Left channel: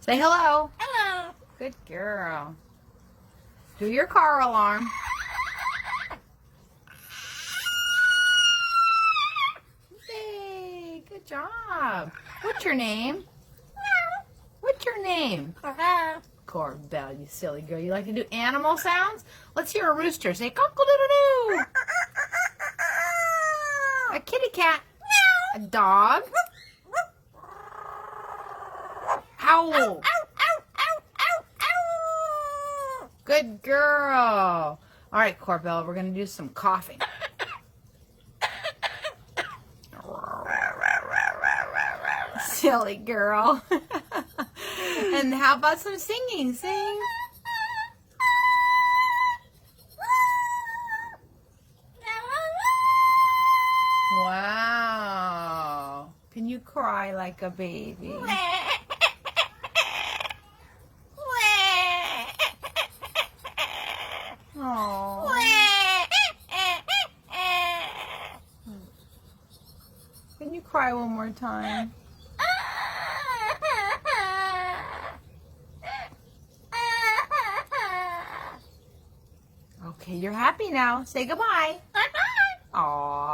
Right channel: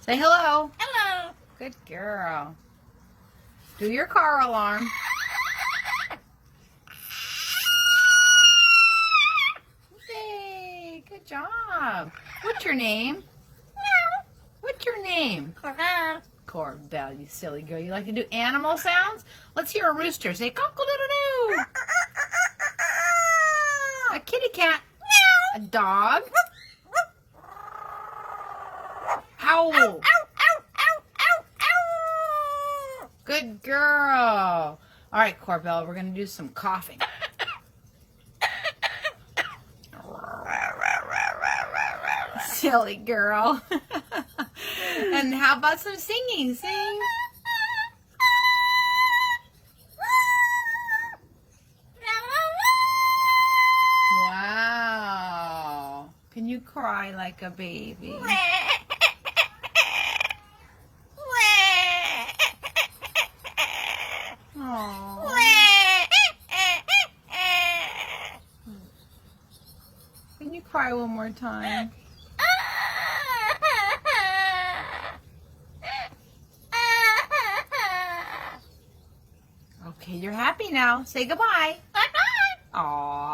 Say hello. Hello. Good girl. Do your car alarm. Yay, good job. What's your name? What's your name? Corbell, you silly girl. You like to do animal sounds? Let's hear a rooster. Say cock-a-doodle-doo. A kitty cat. A dog. Howl. Good girl. All right, Corbell, we're going to do some coughing. Silly girl. And how about some singing? Sing. Wow. Can you cry like a baby? Oh. Can you cry one more time? Okay, you're happy now. Say goodbye. Bye-bye. Aww.